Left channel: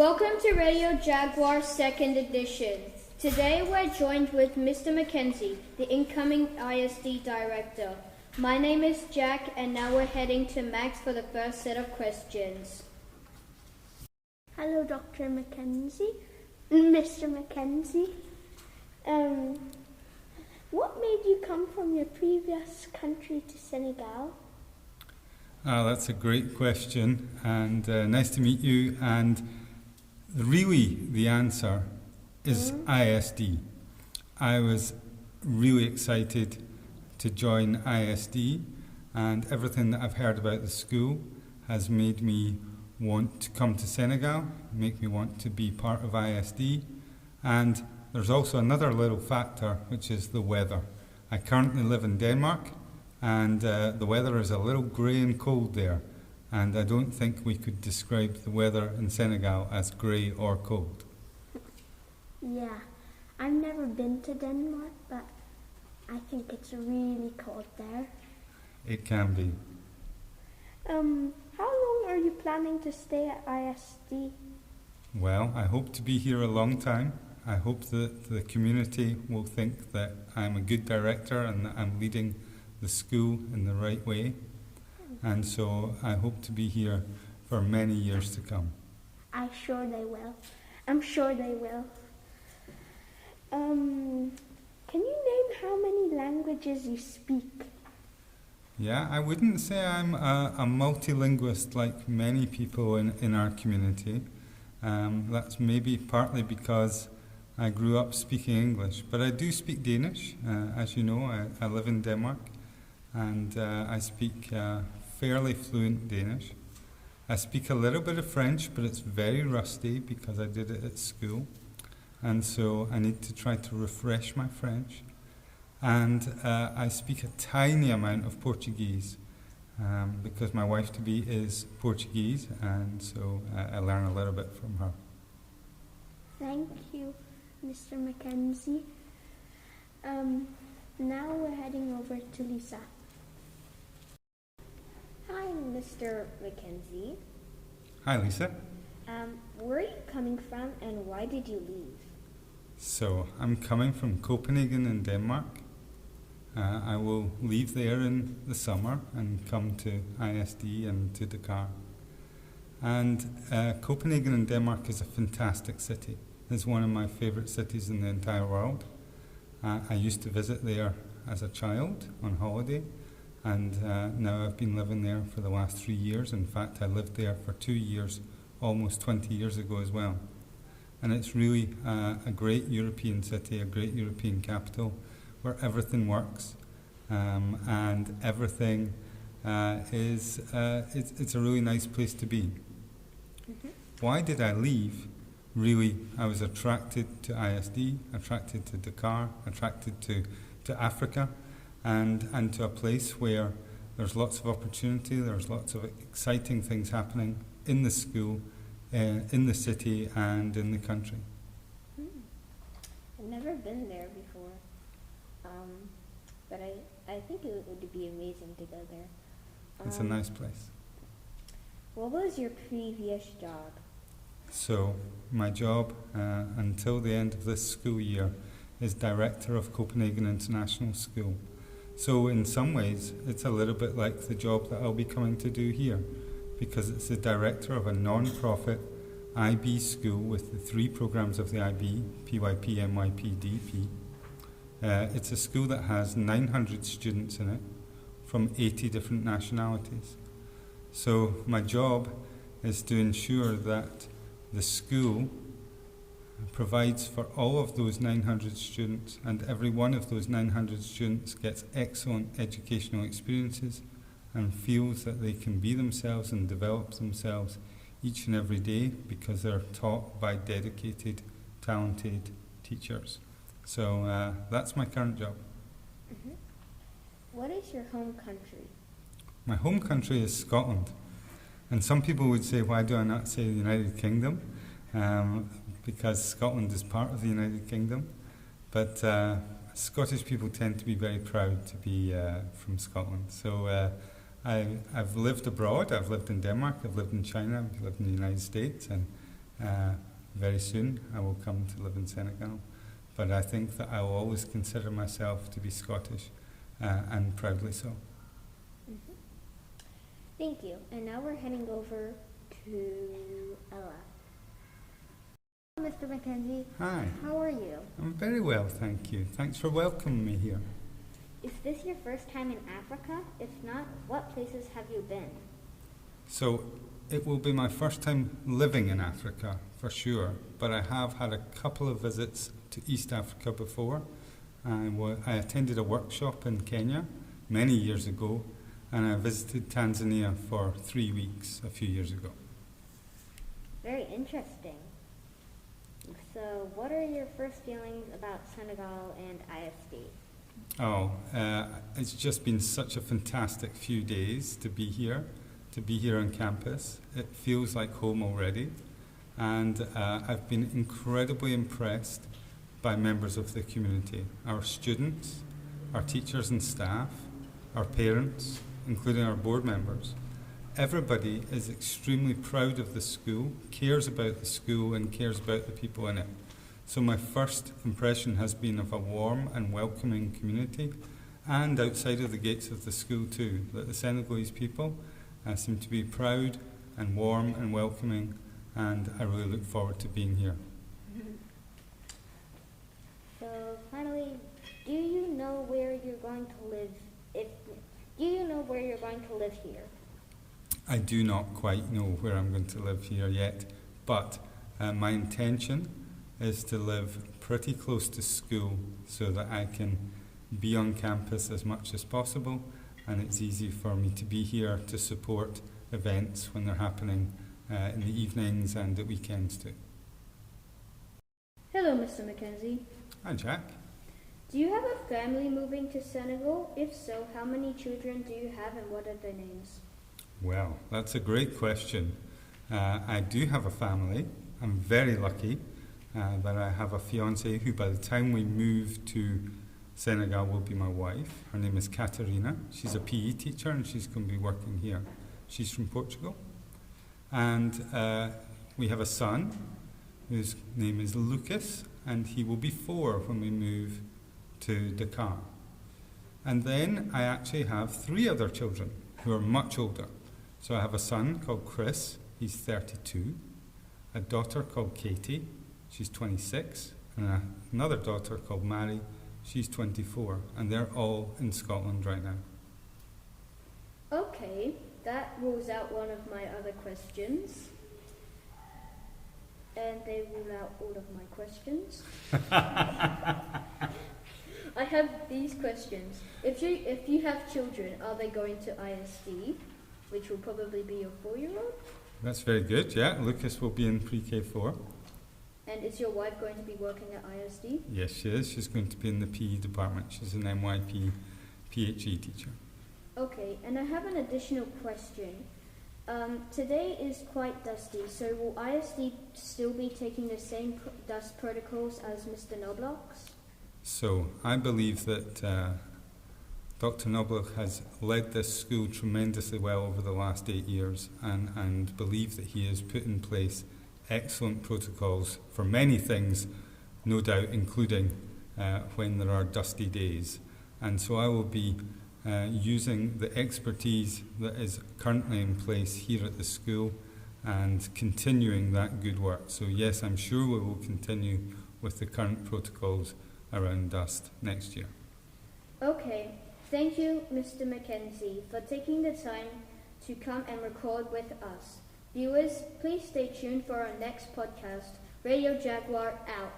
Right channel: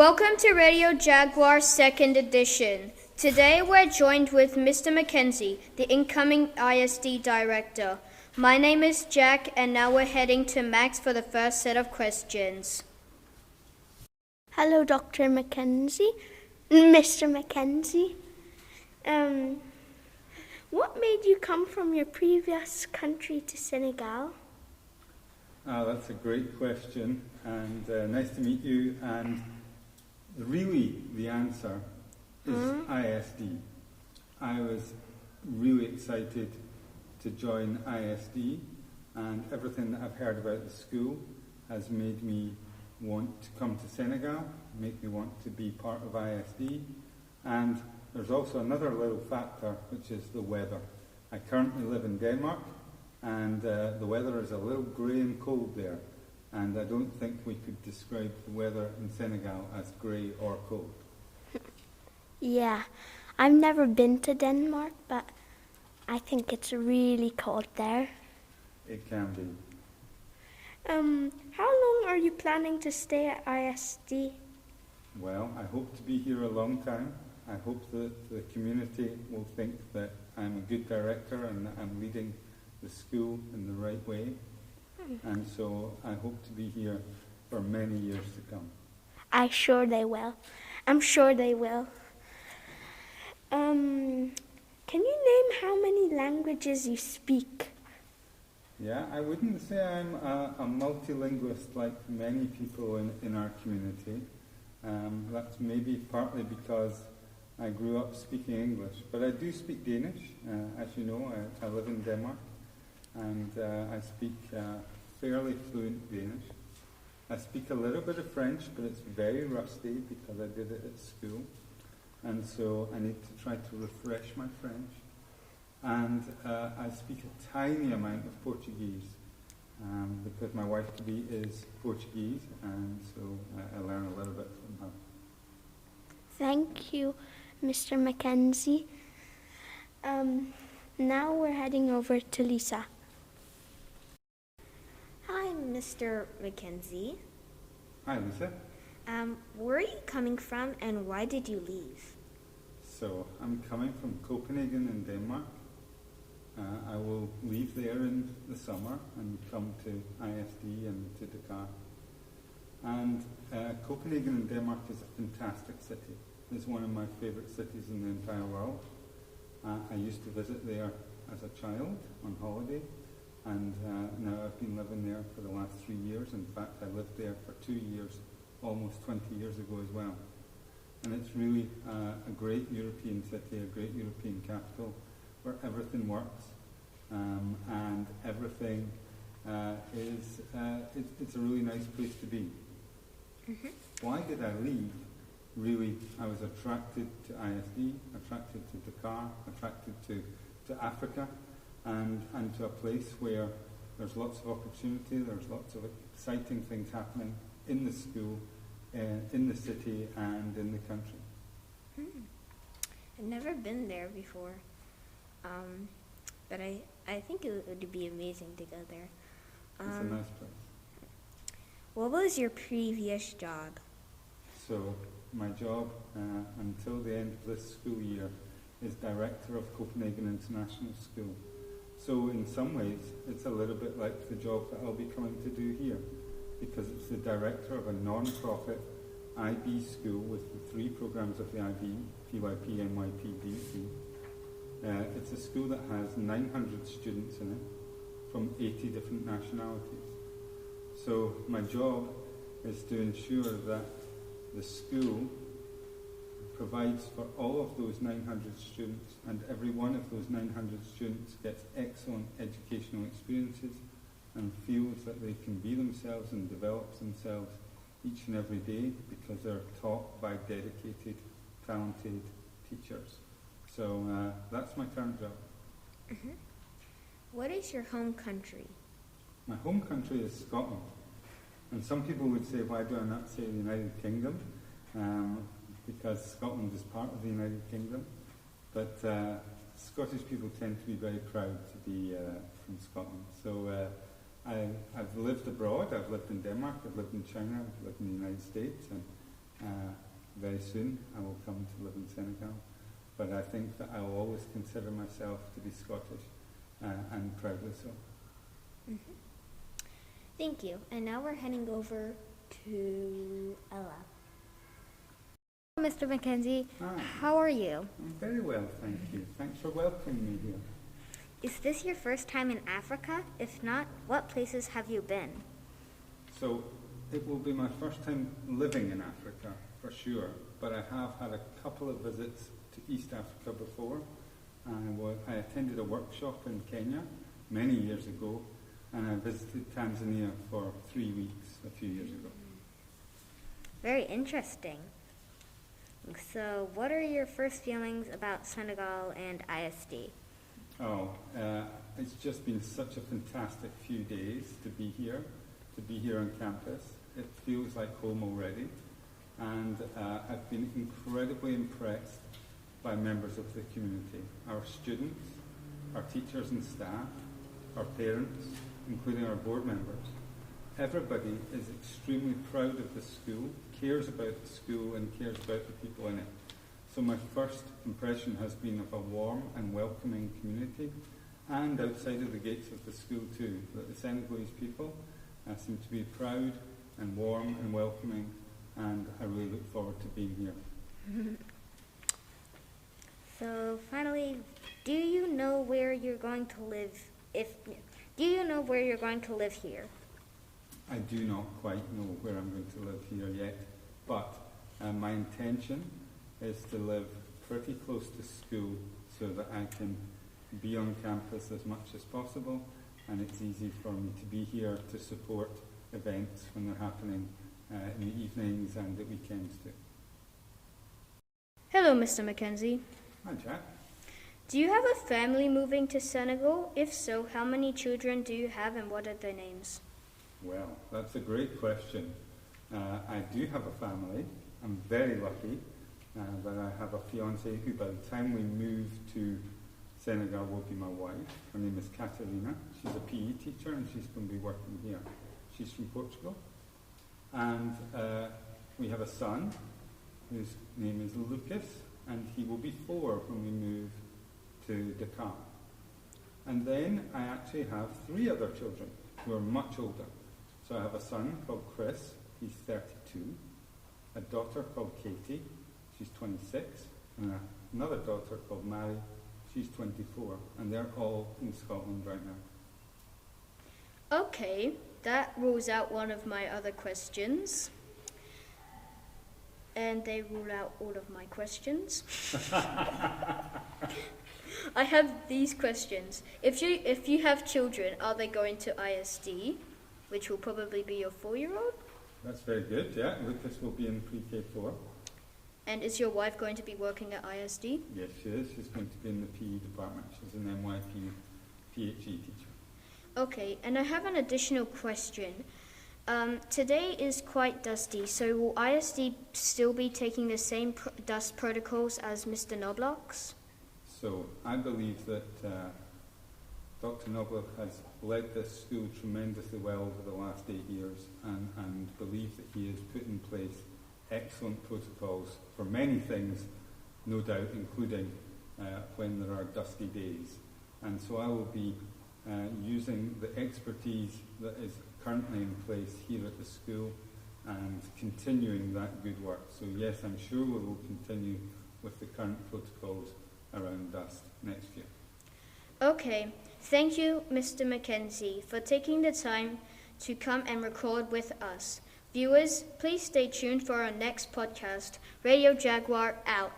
Welcome to Radio Jaguar 2nd edition. Today we're joined with Mr. Mackenzie, the incoming ISD director. My name is Jack, and now we're heading to Max for the first set of questions. Hello, Dr. Mackenzie. Mr. Mackenzie. What made you come from your previous country to Senegal? That's a great question, and nice to meet you. And really, the answer is ISD. I was really excited to join ISD, and everything that I've heard about the school has made me want to come to Senegal, make me want to be part of ISD. And there's also another little factor, which is the weather. I currently live in Denmark, and the weather is a little grey and cold there. And I don't think we could describe the weather in Senegal as grey or cold. Yeah, I've never been to Denmark, but I think it's really cold there. It can be. How long are you planning to stay at ISD? Well, I hope to be here a long time. I hope that the community will think that I'm a good director and that I'm leading the school in the right way. And so I hope to be here for many years to come. I'm sure they will. Can you name how many languages you speak? Yeah, I wouldn't say I'm a multilingualist like many people in our community. That's maybe partly because I grew up speaking English, but I do speak Danish. As you know, I live in Denmark, and I speak fairly fluent Danish. I speak a little bit of French, but it's very rusty because I did it at school, and so I need to try to refresh my French. And I speak a tiny amount of Portuguese because my wife-to-be is Portuguese, and so I learn a little bit from her. Thank you, Mr. Mackenzie. Now we're heading over to Lisa. Hi, Mr. Mackenzie. Hi, Lisa. Where are you coming from, and why did you leave? So I'm coming from Copenhagen in Denmark. I will leave there in the summer and come to ISD and to Dakar. And Copenhagen in Denmark is a fantastic city. It's one of my favorite cities in the entire world. I used to visit there as a child on holiday, and now I've been living there for the last 3 years. In fact, I lived there for 2 years, almost 20 years ago as well. And it's really a great European city, a great European capital, where everything works, and everything it's a really nice place to be. Why did I leave? Really, I was attracted to ISD, attracted to Dakar, attracted to Africa, and to a place where there's lots of opportunity, there's lots of exciting things happening in the school, in the city, and in the country. I've never been there before, but I think it would be amazing to go there. It's a nice place. What was your previous job? So, my job until the end of this school year is Director of Copenhagen International School. So in some ways, it's a little bit like the job that I'll be coming to do here, because it's the director of a non-profit IB school with the 3 programs of the IB, PYP, MYP, DP. It's a school that has 900 students in it from 80 different nationalities. So my job is to ensure that the school provides for all of those 900 students, and every one of those 900 students gets excellent educational experiences and feels that they can be themselves and develop themselves each and every day because they're taught by dedicated, talented teachers. So that's my current job. What is your home country? My home country is Scotland. And some people would say, why do I not say the United Kingdom? Because Scotland is part of the United Kingdom. But Scottish people tend to be very proud to be from Scotland. So I've lived abroad. I've lived in Denmark, I've lived in China, I've lived in the United States, and Very soon I will come to live in Senegal, but I think that I will always consider myself to be Scottish, and proudly so. Mm-hmm. Thank you. And now we're heading over to Ella. Mr. Mackenzie, Hi, how are you? I'm very well, thank you. Thanks for welcoming me here. Is this your first time in Africa? If not, what places have you been? So it will be my first time living in Africa, for sure, but I have had a couple of visits to East Africa before. I attended a workshop in Kenya many years ago, and I visited Tanzania for 3 weeks a few years ago. Very interesting. So, what are your first feelings about Senegal and ISD? It's just been such a fantastic few days to be here on campus. It feels like home already, and I've been incredibly impressed by members of the community, our students, our teachers and staff, our parents, including our board members. Everybody is extremely proud of the school, cares about the school and cares about the people in it. So my first impression has been of a warm and welcoming community, and outside of the gates of the school too, that the Senegalese people seem to be proud and warm and welcoming, and I really look forward to being here. So finally, do you know where you're going to live? Do you know where you're going to live here? I do not quite know where I'm going to live here yet, but my intention is to live pretty close to school so that I can be on campus as much as possible, and it's easy for me to be here to support events when they're happening in the evenings and the weekends too. Hello, Mr. Mackenzie. Hi, Jack. Do you have a family moving to Senegal? If so, how many children do you have and what are their names? Well, that's a great question. I do have a family. I'm very lucky that I have a fiancée who by the time we move to Senegal will be my wife. Her name is Katarina. She's a PE teacher and she's going to be working here. She's from Portugal. And we have a son whose name is Lucas, and he will be 4 when we move to Dakar. And then I actually have 3 other children who are much older. So I have a son called Chris, he's 32, a daughter called Katie, she's 26, and another daughter called Mary, she's 24, and they're all in Scotland right now. Okay, that rules out one of my other questions. And they rule out all of my questions. I have these questions. If you have children, are they going to ISD, which will probably be your 4-year-old? That's very good, yeah. Lucas will be in pre-K 4. And is your wife going to be working at ISD? Yes, she is. She's going to be in the PE department. She's an NYP PHE teacher. Okay, and I have an additional question. Today is quite dusty, so will ISD still be taking the same dust protocols as Mr. Knobloch's? So I believe that Dr. Knobloch has led this school tremendously well over the last 8 years, and believe that he has put in place excellent protocols for many things, no doubt, including when there are dusty days. And so I will be using the expertise that is currently in place here at the school and continuing that good work. So yes, I'm sure we will continue with the current protocols around dust next year. Okay, thank you, Mr. Mackenzie, for taking the time to come and record with us. Viewers, please stay tuned for our next podcast. Radio Jaguar out.